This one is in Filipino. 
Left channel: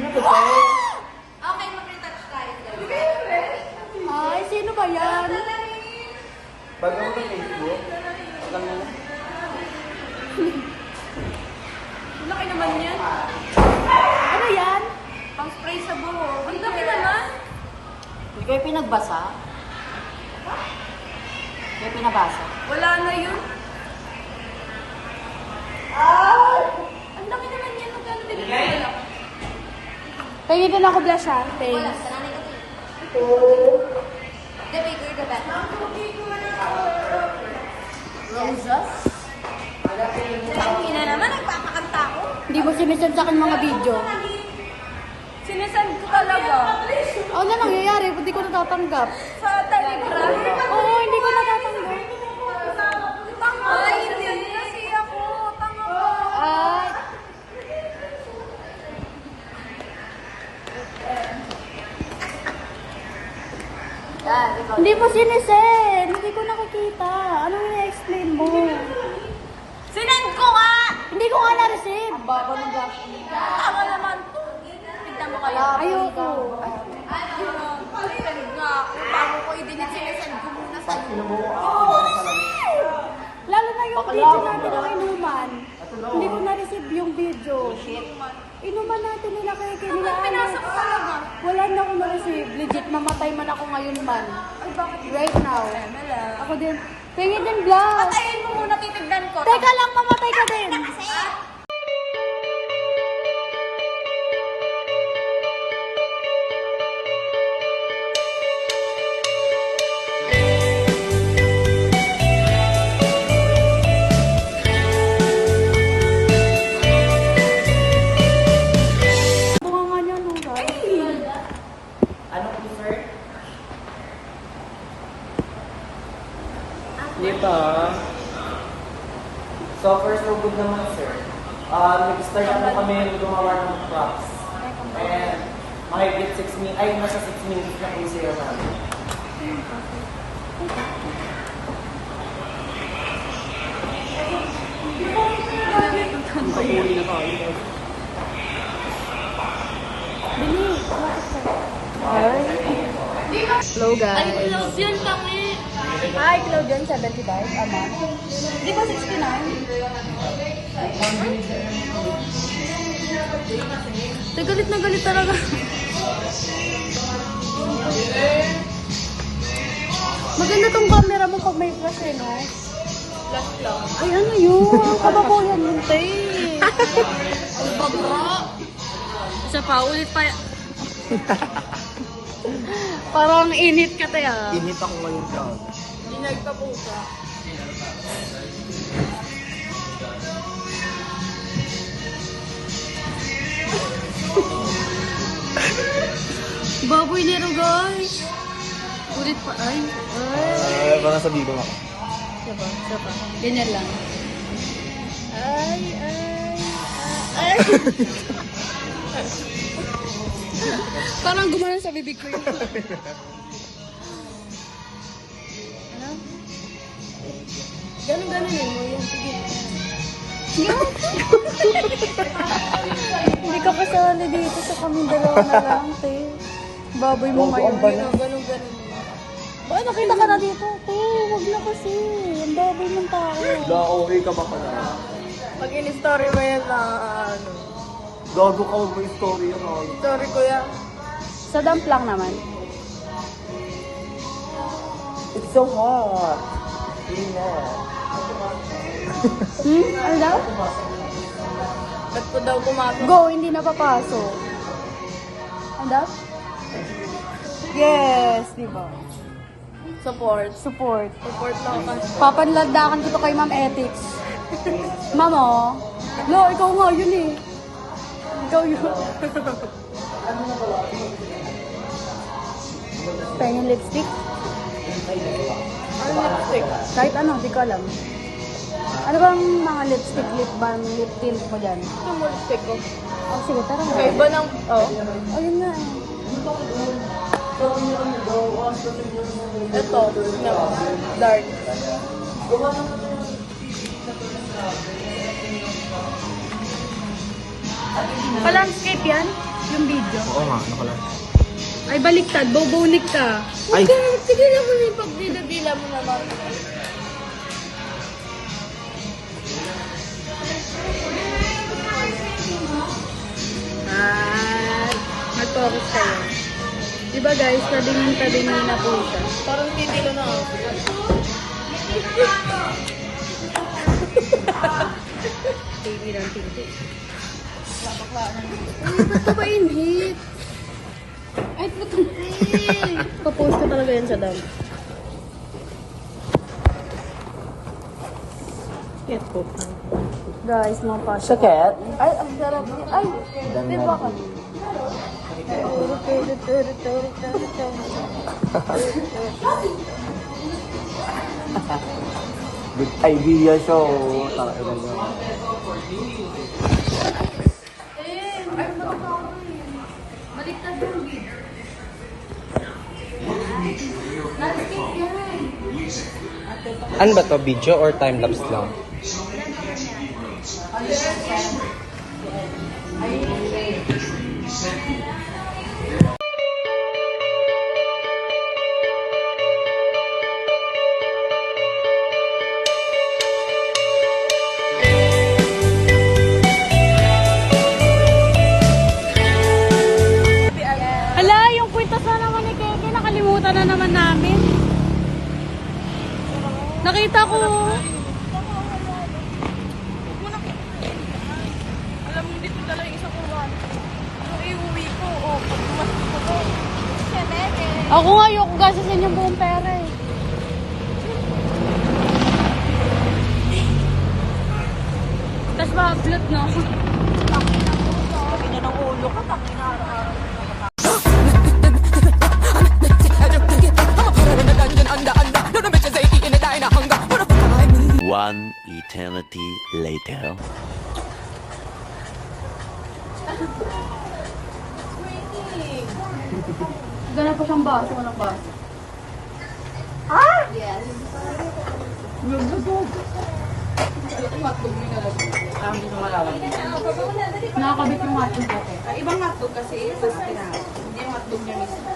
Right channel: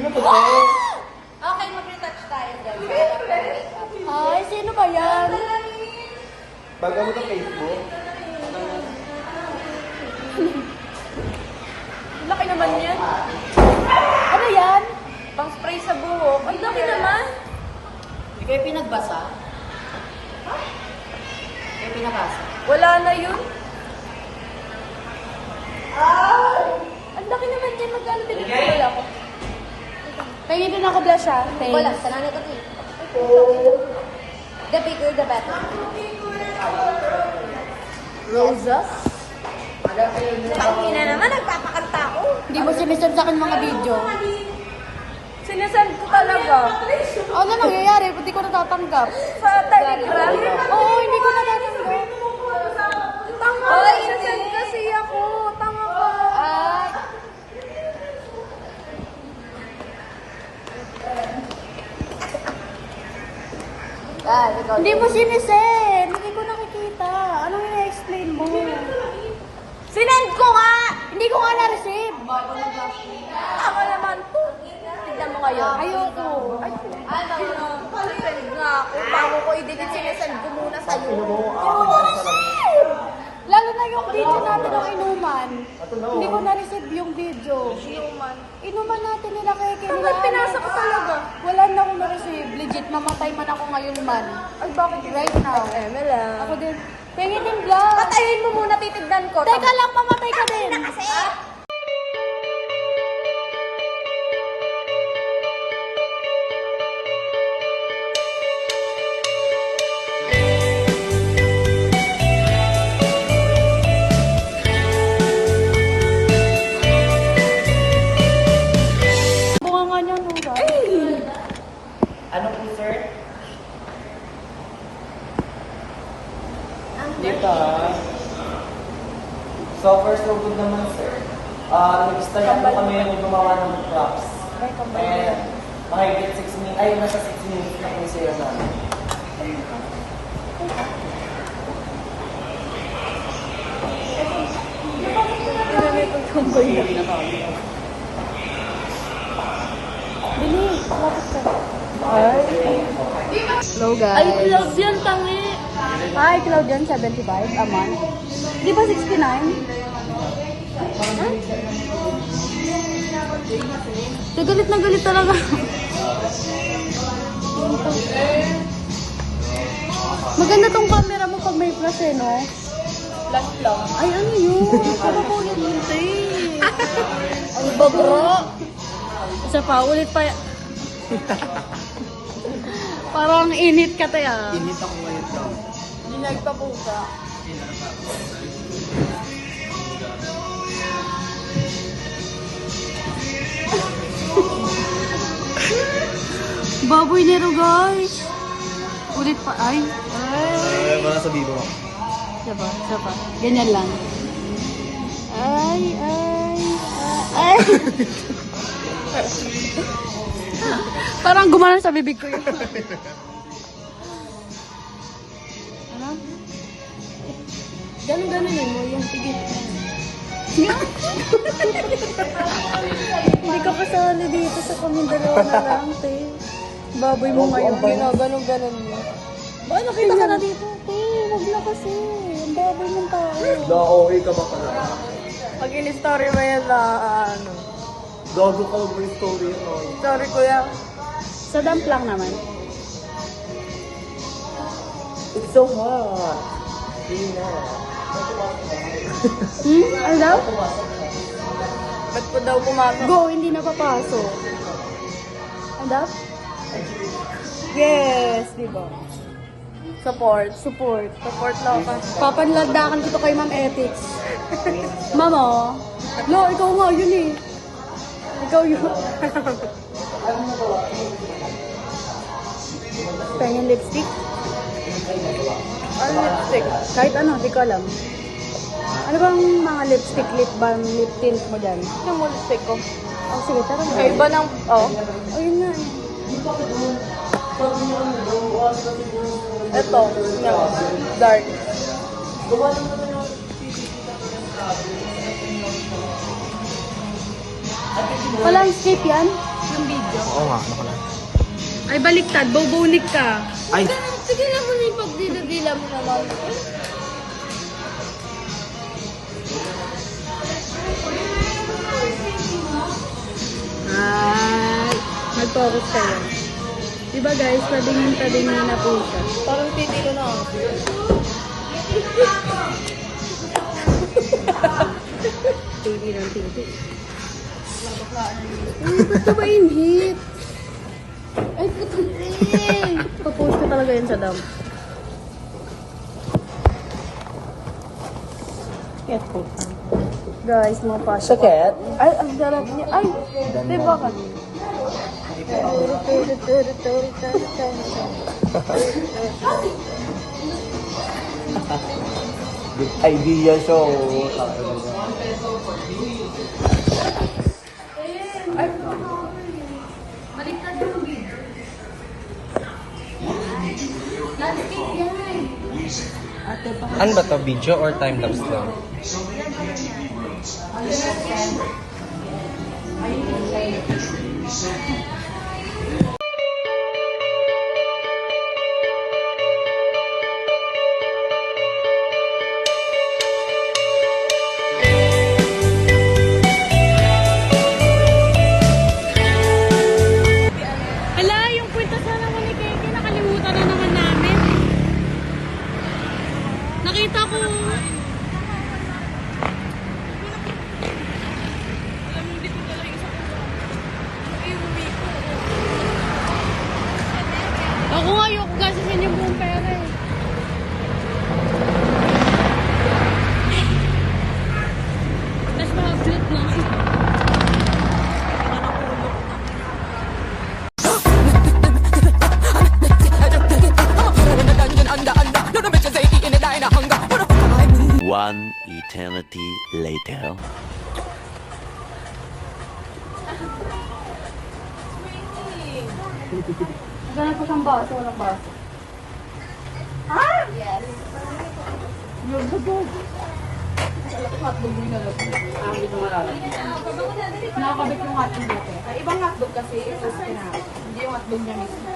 Okay, mag-retouch tayo. Ay, sino ba yan? Bago mo sa Facebook? Laki naman yan. Ano yan? Pang spray sa buhok. Ang laki naman. Hindi kayo pinagbasa? Hindi kayo pinabasa? Wala na yun. Ang laki naman yan. Magkano binigay? Wala pa. Kaya din ako blush ha. Wala. Thanks. Sana na ito. The bigger, the better. Roses? Hindi na naman. Nagpapakanta ko. Hindi mo sinisend sa akin mga video. Sinasend talaga. Ano na nangyayari? Hindi ko natatanggap. Sa Telegram. Oo, hindi ko natatanggap. Ay, hindi kasi ako. Tama. Ah, hindi mo sinisend. Hindi ko nakikita. Anong ina-explain mo? Sinend ko nga! Hindi ko nga na-receive. Ako naman to. Tignan mo kayo. Ayoko. Send nga ako. Bago ko i-delete, sinesend ko muna sa iyo. Lalo na yung video natin ng inuman. Hindi ko na-receive yung video. Inuman natin nila Keke, nila Alex. Pinasa ko talaga. Wala na ako na-receive. Legit, mamatay man ako ngayon man. Ay, bakit? Right now. Mela. Ako din. Pengi din vlog. Patayin mo muna, titignan ko. Teka lang, mamatay ka din. Bunga nga niya, no, guys? Ano po, sir? Hindi pa. So far, so good naman, sir. Nag-start ako kami gumawa ng props. And mahigit 6 minutes, ay nasa 6 minutes na po yung sa'yo namin. Pag-uli na tayo. Bilis, lapit ka. Ay. Hello, guys. Ay, love yan, tangi. Hi, Claudian, 75 a month. Di ba 69? Te, galit na galit talaga. Maganda tong camera mo pag may flash eh, no? Ay, ano yun? Ano po yan yun, te? Ano ba bro? Isa pa, ulit pa. Parang init ka, te, ah. Init ako ngayon ka. Dinagpapusa. Baboy nero, guys. Ulit pa. Ay. Ay. Parang sa bibo ako. Diba? Diba? Ganyan lang. Ay, ay. Parang gumanon sa bibig ko. Ano? Ganon-ganon yun. Sige. Hindi ka pa sali dito sa kaming dalawa na lang, te. Baboy mo ngayon. Ganon-ganon mo. Baka nakita ka na dito. Wag na kasi. Ang baboy mong tao. Okay ka ba ka? Pag in-story mo yan na ano. Dogo over story mo. Sorry, kuya. Sa dump lang naman. It's so hot. Really hot. Ano daw? Ba't ko daw pumasok? Go, hindi na papasok. Ano daw? Yes, di ba? Support. Support. Support lang ka. Papanlagdakan ko to kay Ma'am Ethics. Ma'am, oh. Lo, ikaw nga, yun eh. Ikaw yun. Pengen lipstick? Ano lipstick? Kahit ano, di ko alam. Ano bang mga lipstick, lip balm, lip tint mo dyan? Yung lipstick ko. Oh, sige, tara na. May iba ng... Oh. Oh, yun nga eh. Ito. No. Dark. Pa-landscape yan? Yung video. Oo nga, nakala. Ay, baliktad. Bobonik ka. Ay, Sige na kung ipagdidibila mo naman. Ay, nag-focus kayo. Diba guys, padingin na po siya. Parang titilo na ako. Titi ng titi. Ay, ba't ka ba inhit? Ay, puto. Papost ko talaga yan sa dam. cat po. Guys, mga pasok. Sa cat? Ay, ang sarap niya. Ay, diba ka? Good idea siya. Baliktad yung video. Landscape yan. Ano ba to? Video or time-lapse lang? Yan pala niya. Hala, yung kwento sa naman ni Keke, nakalimutan na naman namin. Nakita ko. Alam mo, hindi ko dala yung isa ko lang. Iuwi ko. Ako nga, ayoko gasasin yung buong pera eh. Tapos ma-upload na. Ina ng ulo ko, takina. One eternity later. Gana pa siyang baso, walang baso. Yes. Hotdog mo yung hindi ko malaman. Nakakabit yung hotdog dito. Ay, ibang hotdog kasi, tapos hindi yung hotdog niya mismo.